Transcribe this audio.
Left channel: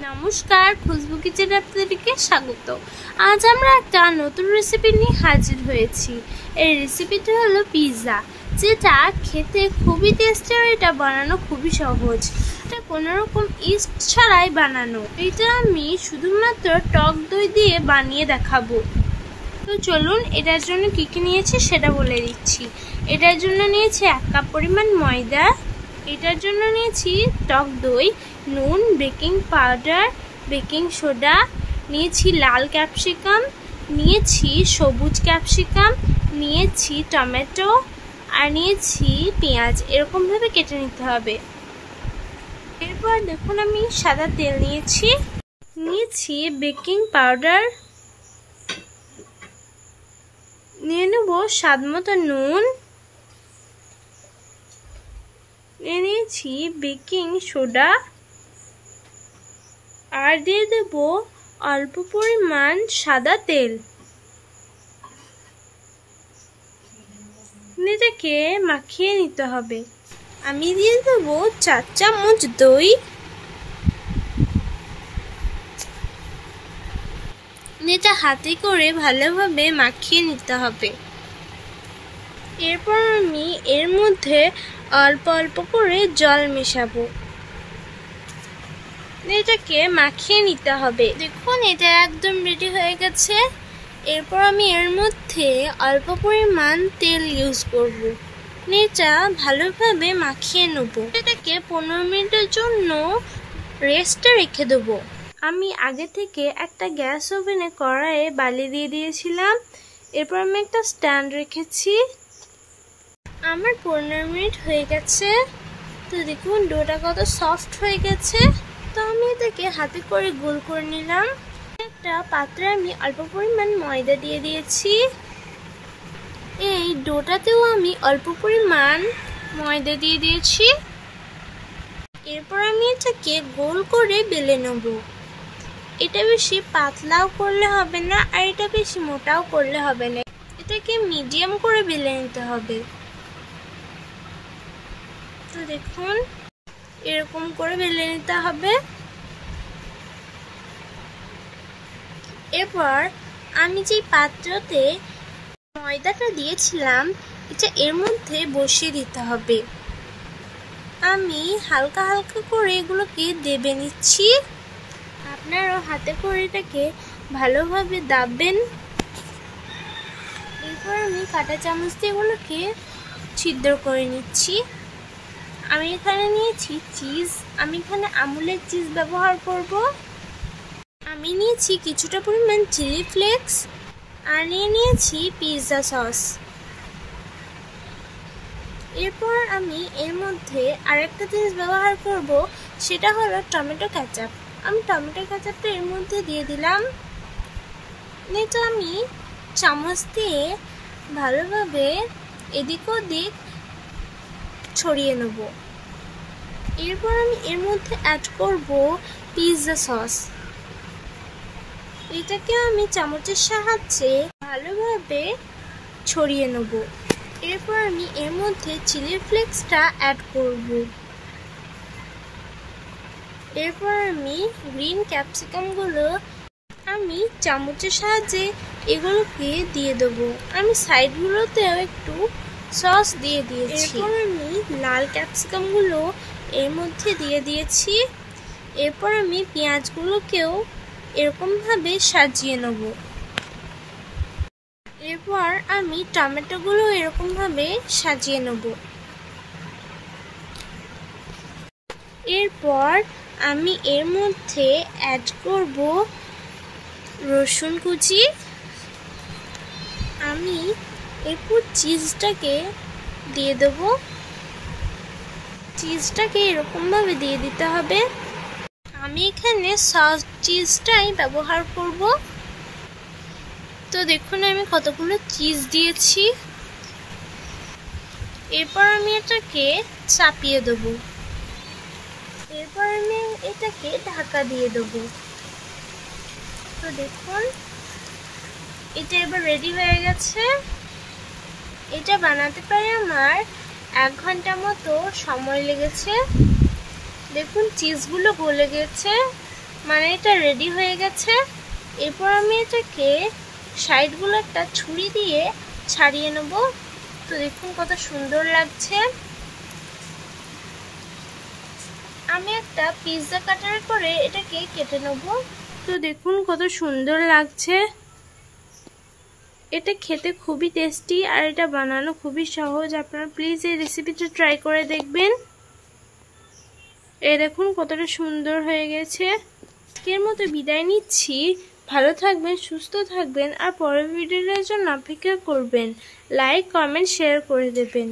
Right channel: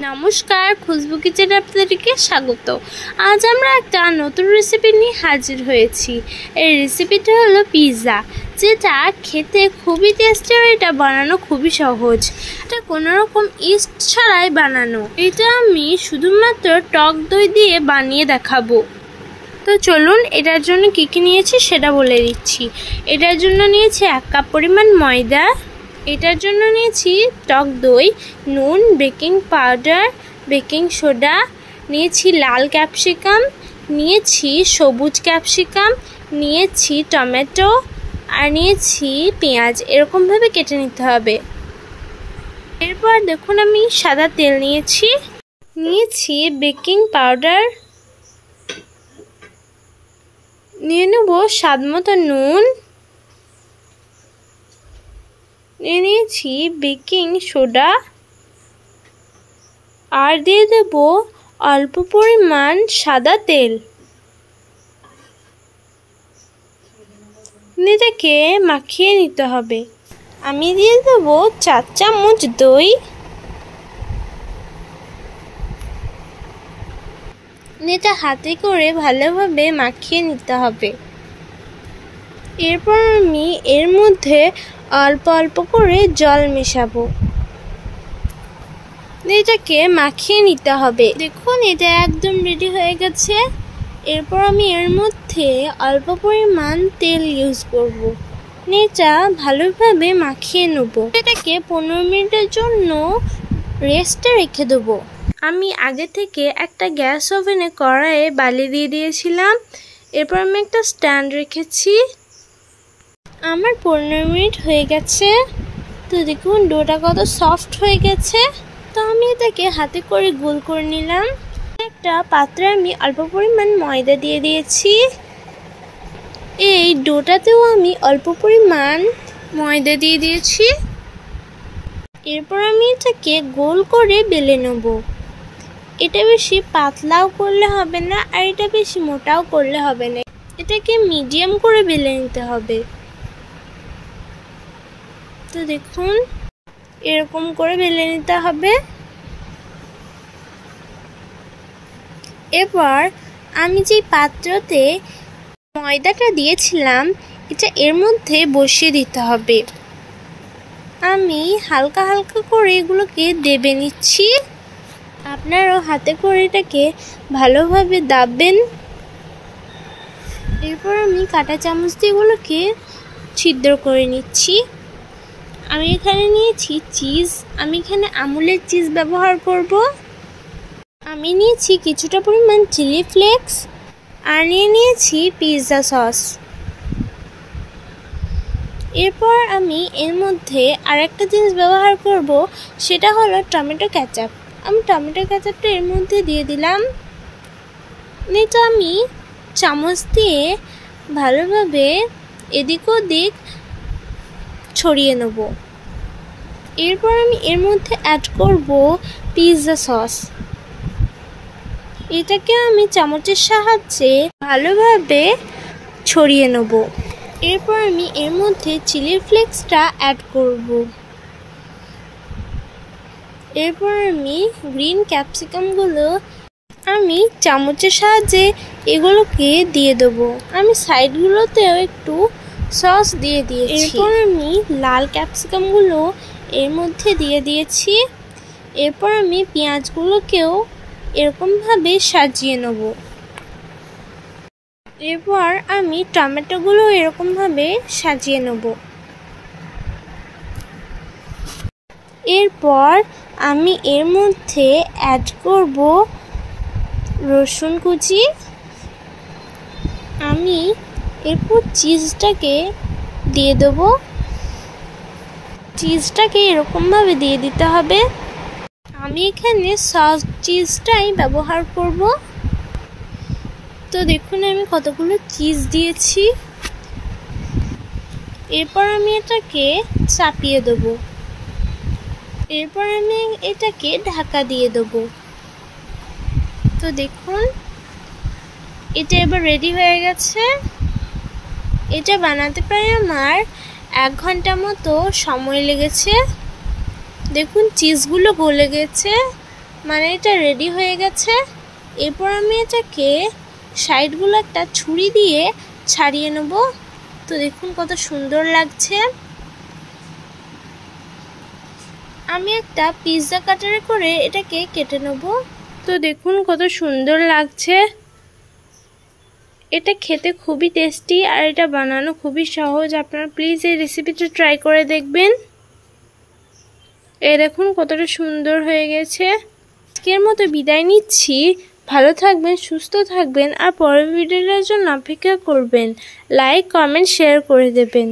নমস্কার, খুশবু কিচেনে আপনাদেরকে স্বাগত। আজ আমরা একটা নতুন রেসিপি নিয়ে হাজির হয়েছি। এই রেসিপিটা হলো পিৎজা, যেটা খেতে খুবই টেস্টি আর এটা বানানো খুবই সহজ। এটা কোনো রকম ইস্ট ছাড়াই বানানো। এটা আমি শুধুমাত্র টক দই দিয়ে বানিয়ে দেখাবো। তো চলুন এটার জন্য কী কী নিয়েছি সেটা বলে দিচ্ছি। এটার জন্য নিয়েছি 1 কাপ পরিমাণ ময়দা। এটার জন্য নিয়েছি টক দই, নুন, বেকিং পাউডার, বেকিং সোডা, নিয়েছি লাল ক্যাপসিকাম, নিয়েছি সবুজ ক্যাপসিকাম, নিয়েছি টমেটো আর নিয়েছি পেঁয়াজ। এরকমভাবে কেটে নিতে হবে। এরপর দেখুন আমি সাদা তেল নিয়েছি বেকিং পাউডার, নিয়ে নেব স্বাদ মতো নুন, নিয়ে নিয়েছি বেকিং সোডা আর দিয়ে দেব অল্প পরিমাণ সাদা তেল। এটাকে মাখিয়ে নিতে হবে। আমি দিয়ে দেব 4 চামচ দই। এটা হাতে করে ভালোভাবে মাখিয়ে নিতে হবে। এরপর আমি এর মধ্যে অল্প অল্প করে জল মেশাবো। এটাকে মাখিয়ে নিতে হবে। দেখুন এটা একদম রেডি হয়ে গেছে। এরপর আমি এর মধ্যে অল্প পরিমাণ তেল ইউজ করব। এটা ভালোভাবে মাখিয়ে নেব। এটাকে 15 মিনিটের জন্য রেস্টে রেখে দেবো। আমি আগে থেকে একটা গ্যাস ওভেনে কড়াইয়ে বালি দিয়ে দিয়েছিলাম। এরপর আমি একটা স্ট্যান্ড রেখেছি। আমার 15 মিনিট হয়ে গেছে। তো দেখুন ডোটা কত সফট হয়ে গেছে। তো আমি এটাকে হাতে করে গোল করে নিলাম। একটা পাত্রে আমি অল্প পরিমাণ ময়দা দিয়ে দিয়েছি। এই ডোটাতেও আমি অল্প পরিমাণ ময়দা দিয়ে দিয়েছি। এরপর আমি এটাকে গোল করে বেলে নেব। এটা বেশি পাতলাও করলে হবে না আর এটা বেশি মোটাও করলে হবে না। এটাকে মিডিয়াম করে বেলে নিতে হবে। তো দেখুন এরকম করে বেলে নিতে হবে। এরপর আমি যে পাত্রতে ময়দাটা দিয়েছিলাম এটা এর মধ্যে বসিয়ে দিতে হবে। আমি হালকা হালকা করে এগুলোকে দেবে নিচ্ছি। আপনারাও হাতে করে এটাকে ভালোভাবে দাববেন। এরপর আমি কাঁটা চামচ দিয়ে এগুলোকে ছিদ্র করে নিচ্ছি। আমি এখানে নিয়েছি চিজ। আমি এখানে আমুলের চিজ ব্যবহার করব। আমি নিয়েছি কিছুটা পরিমাণ চিলি ফ্লেক্স আর নিয়েছি পিৎজা সস। এরপর আমি এর মধ্যে আরেকটা জিনিস ব্যবহার করব, সেটা হলো টমেটো কেচাপ। আমি টমেটো কেচাপটা এর মধ্যে দিয়ে দিলাম। এটা আমি চামচ দিয়ে ভালোভাবে এদিক ওদিক ছড়িয়ে নেব। এরপর আমি এর মধ্যে অ্যাড করব পিৎজা সস। এটাকে আমি চামচের সাহায্যে ভালোভাবে ছড়িয়ে নেব। এরপর আমি এর মধ্যে চিলি ফ্লেক্সটা অ্যাড করব। এরপর আমি গ্রিন ক্যাপসিকামগুলো আমি চামচের সাহায্যে এগুলোকে দিয়ে দেবো। আমি সাইডগুলোতেও একটু সস দিয়ে দিয়েছি। এরপর আমি লাল ক্যাপসিকামগুলো এর মধ্যে দিয়ে দিয়েছি। এরপর আমি পেঁয়াজগুলোকেও এরকমভাবে সাজিয়ে নেব। এরপর আমি টমেটোগুলো এরকমভাবে সাজিয়ে নেব। এরপর আমি এর মধ্যে অ্যাড করব রসুন কুচি। আমি এরপর চিজটাকে দিয়ে দেব। চিজটাকে এরকমভাবে দিয়ে দিতে হবে। আমি এখানে সস চিজটাই ব্যবহার করব। তো দেখুন আমি কতগুলো চিজ দিয়েছি। এরপর আমি এটাকে চাপিয়ে দেব। এরপর আমি এটাকে ঢাকা দিয়ে দেব। তো দেখুন এটা এবার রেডি হয়ে গেছে। এটা বানাতে প্রায় আমার 1 ঘন্টা মতো সময় লেগেছে। দেখুন চিজগুলো গলে গেছে মানে এটা রেডি হয়ে গেছে। এরপর আমি এটাকে সাইডগুলো একটা ছুরি দিয়ে ছাড়িয়ে নেব। তো দেখুন কত সুন্দর লাগছে। আমি একটা পিৎজা কাটারে করে এটাকে কেটে নেব। তো দেখুন কত সুন্দর লাগছে। এটা খেতে খুবই টেস্টি আর এটা বানানো খুবই সহজ। আপনারা প্লিজ এই রেসিপিটা ট্রাই করে দেখবেন। এই দেখুন কতটা সুন্দর হয়ে গেছে। আজকের মতো বিদায় নিচ্ছি। ভালো থাকবেন, সুস্থ থাকবেন আর পরের ভিডিওটার জন্য অপেক্ষা করবেন। লাইক, কমেন্ট, শেয়ার করে দেবেন।